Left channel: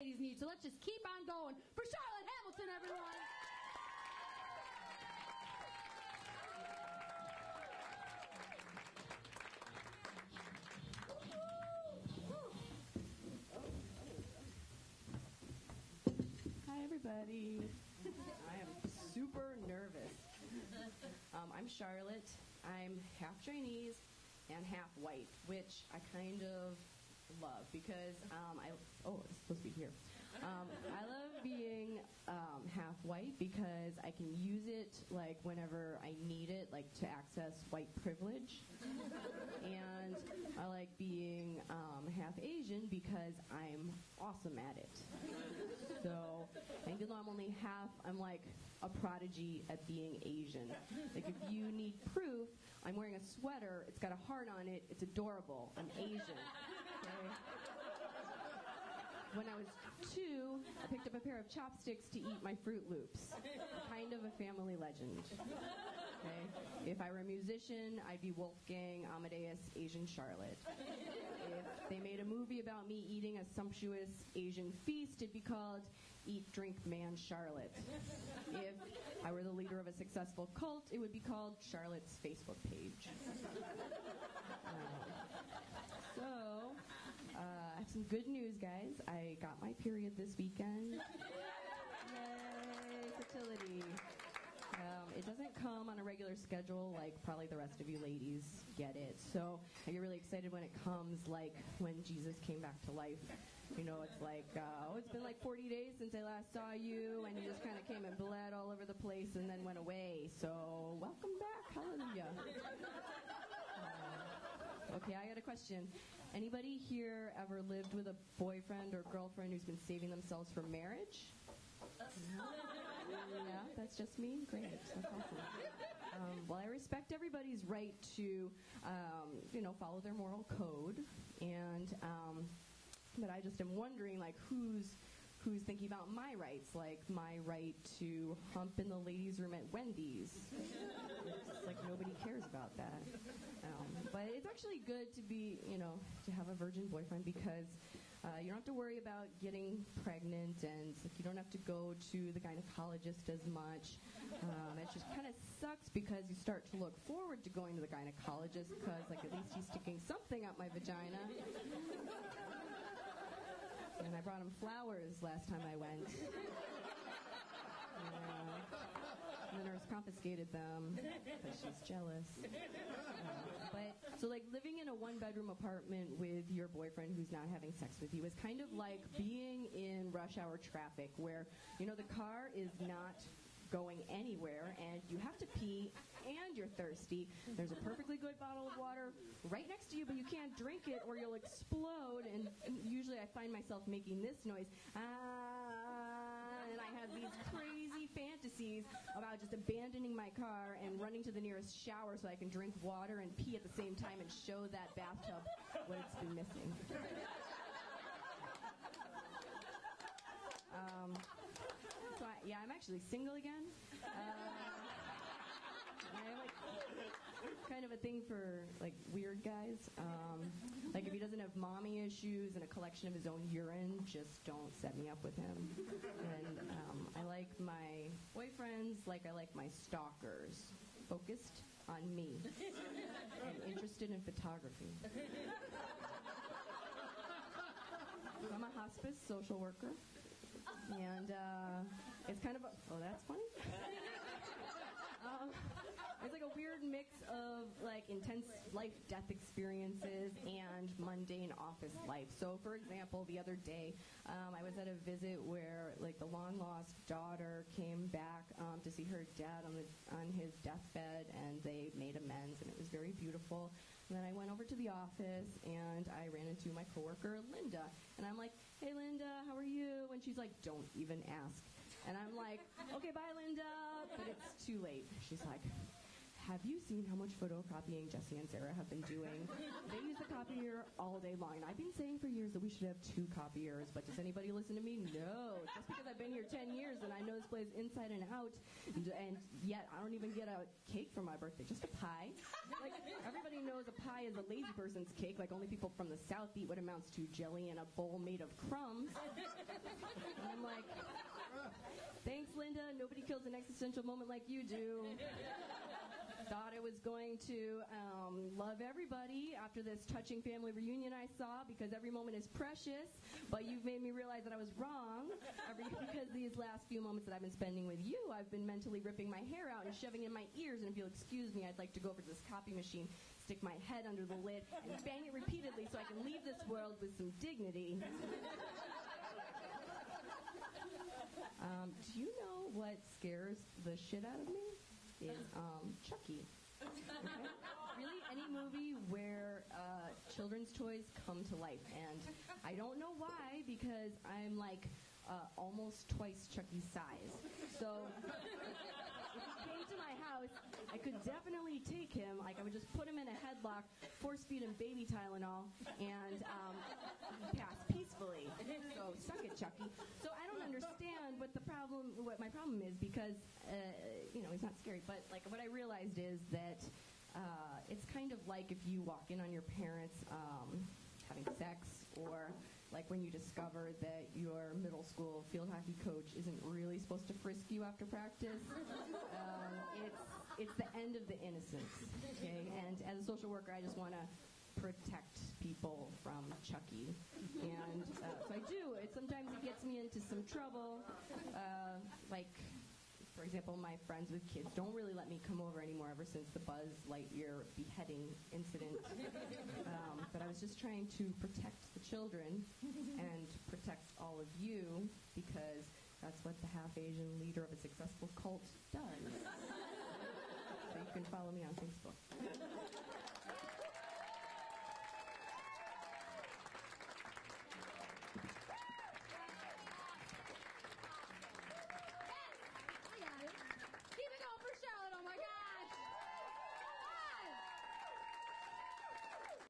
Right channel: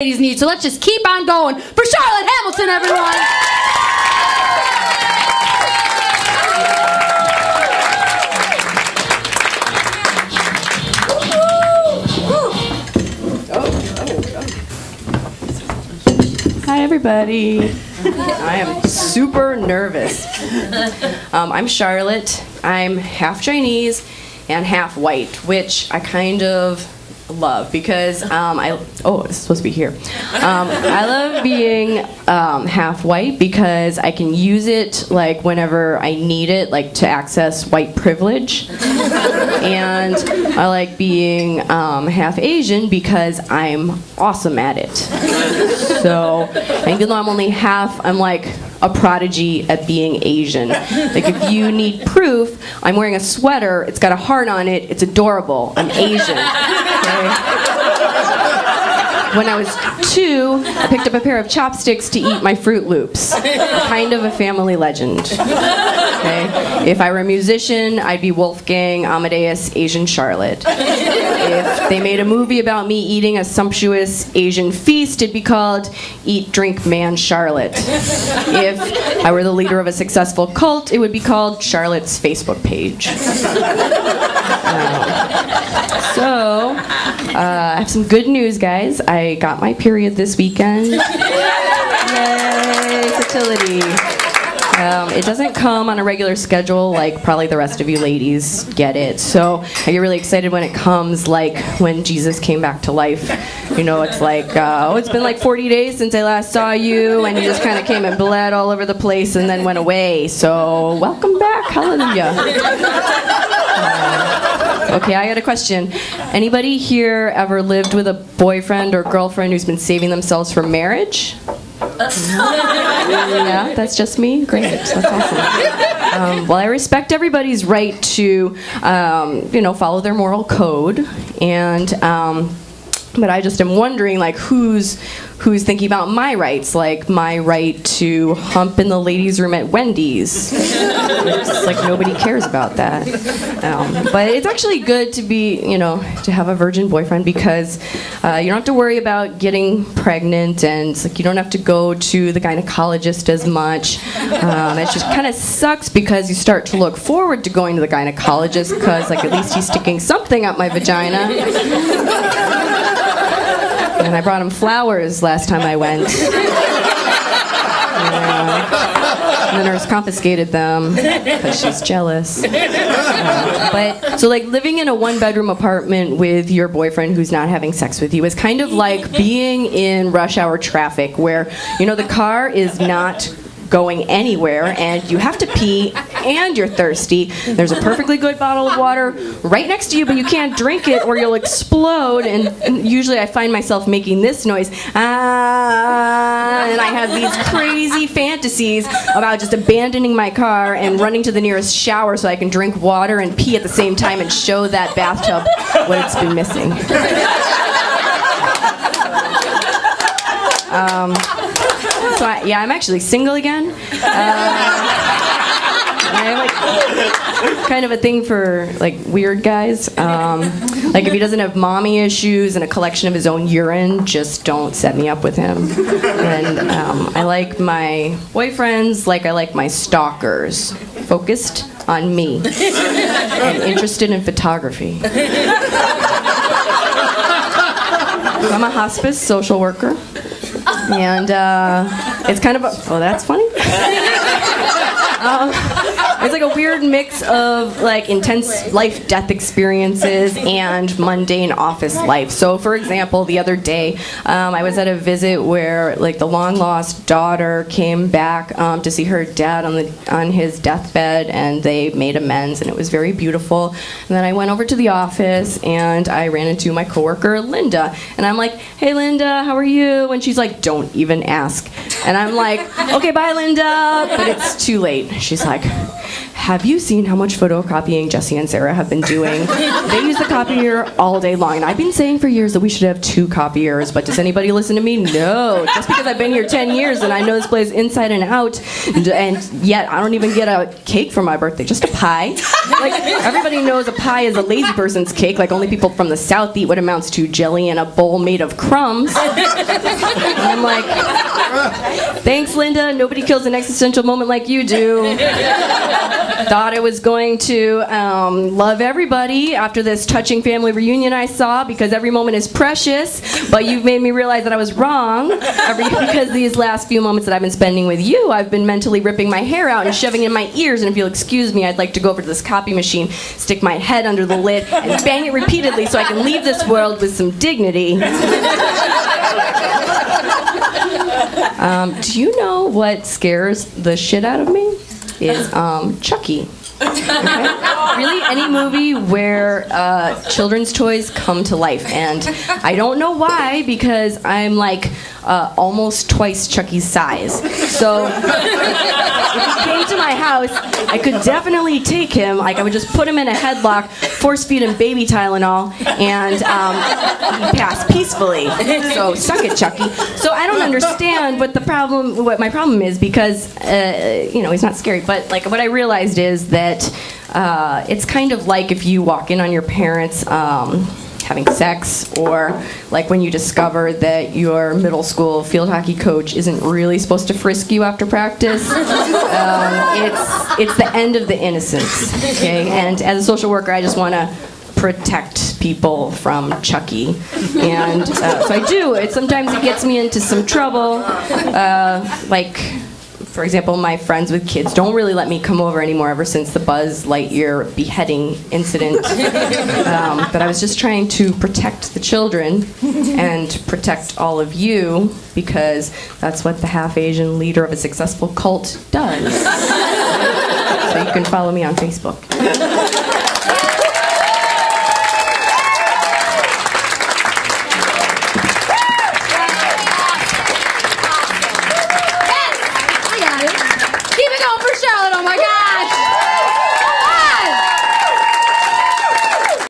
ladies need, so let's just keep on going for Charlotte Hamilton, everyone. Hi everybody. I am super nervous. I'm Charlotte. I'm half Chinese and half white, which I kind of love because it's supposed to be here. I love being half white because I can use it like whenever I need it, like to access white privilege. And I like being half Asian because I'm awesome at it. So even though I'm only half, I'm like a prodigy at being Asian. Like if you need proof, I'm wearing a sweater, it's got a heart on it, it's adorable, I'm Asian. Okay? When I was 2, I picked up a pair of chopsticks to eat my Fruit Loops. Kind of a family legend. Okay? If I were a musician, I'd be Wolfgang Amadeus Asian Charlotte. If they made a movie about me eating a sumptuous Asian feast, it'd be called Eat, Drink, Man Charlotte. If I were the leader of a successful cult, it would be called Charlotte's Facebook page. I have some good news, guys. I got my period this weekend. Yay, fertility. It doesn't come on a regular schedule like probably the rest of you ladies get it. So I get really excited when it comes, like when Jesus came back to life. You know, it's like, it's been like 40 days since I last saw you, and you just kind of came and bled all over the place and then went away. So welcome back, hallelujah. Okay, I got a question. Anybody here ever lived with a boyfriend or girlfriend who's been saving themselves for marriage? Yeah, that's just me? Great, that's awesome. Well, I respect everybody's right to, follow their moral code, and, but I just am wondering, like, who's thinking about my rights, like my right to hump in the ladies' room at Wendy's. It's like nobody cares about that. But it's actually good to be, to have a virgin boyfriend because you don't have to worry about getting pregnant, and it's like you don't have to go to the gynecologist as much. It just kind of sucks because you start to look forward to going to the gynecologist because, like, at least he's sticking something up my vagina. And I brought him flowers last time I went. And the nurse confiscated them because she's jealous. So like living in a one-bedroom apartment with your boyfriend who's not having sex with you is kind of like being in rush hour traffic where, the car is not going anywhere, and you have to pee, and you're thirsty. There's a perfectly good bottle of water right next to you, but you can't drink it or you'll explode, and usually I find myself making this noise, and I have these crazy fantasies about just abandoning my car and running to the nearest shower so I can drink water and pee at the same time and show that bathtub what it's been missing. So I'm actually single again. I have like kind of a thing for like weird guys. Like if he doesn't have mommy issues and a collection of his own urine, just don't set me up with him. And I like my boyfriends like I like my stalkers, focused on me and interested in photography. I'm a hospice social worker. And it's kind of that's funny. It's like a weird mix of like intense life-death experiences and mundane office life. So for example, the other day I was at a visit where like the long-lost daughter came back to see her dad on his deathbed, and they made amends, and it was very beautiful. And then I went over to the office and I ran into my coworker Linda, and I'm like, "Hey Linda, how are you?" And she's like, "Don't even ask." And I'm like, "Okay, bye Linda," but it's too late. She's like, have you seen how much photocopying Jesse and Sarah have been doing? They use the copier all day long. And I've been saying for years that we should have 2 copiers, but does anybody listen to me? No. Just because I've been here 10 years and I know this place inside and out, and yet I don't even get a cake for my birthday, just a pie. Like, everybody knows a pie is a lazy person's cake, like only people from the South eat what amounts to jelly in a bowl made of crumbs. And I'm like, thanks, Linda. Nobody kills an existential moment like you do. Thought I was going to love everybody after this touching family reunion I saw because every moment is precious, but you've made me realize that I was wrong because these last few moments that I've been spending with you, I've been mentally ripping my hair out and shoving it in my ears, and if you'll excuse me, I'd like to go over to this copy machine, stick my head under the lid, and bang it repeatedly so I can leave this world with some dignity. Do you know what scares the shit out of me? Is Chucky. Okay? Really, any movie where children's toys come to life. And I don't know why, because I'm like almost twice Chucky's size. So if he came to my house, I could definitely take him. Like, I would just put him in a headlock, force feed him baby Tylenol, and he'd pass peacefully. So suck it, Chucky. So I don't understand what my problem is, because he's not scary. But like, what I realized is that it's kind of like if you walk in on your parents having sex, or like when you discover that your middle school field hockey coach isn't really supposed to frisk you after practice. It's the end of the innocence, okay? And as a social worker, I just want to protect people from Chucky, and so I do. Sometimes it gets me into some trouble, like, for example, my friends with kids don't really let me come over anymore ever since the Buzz Lightyear beheading incident. But I was just trying to protect the children and protect all of you, because that's what the half-Asian leader of a successful cult does. So you can follow me on Facebook.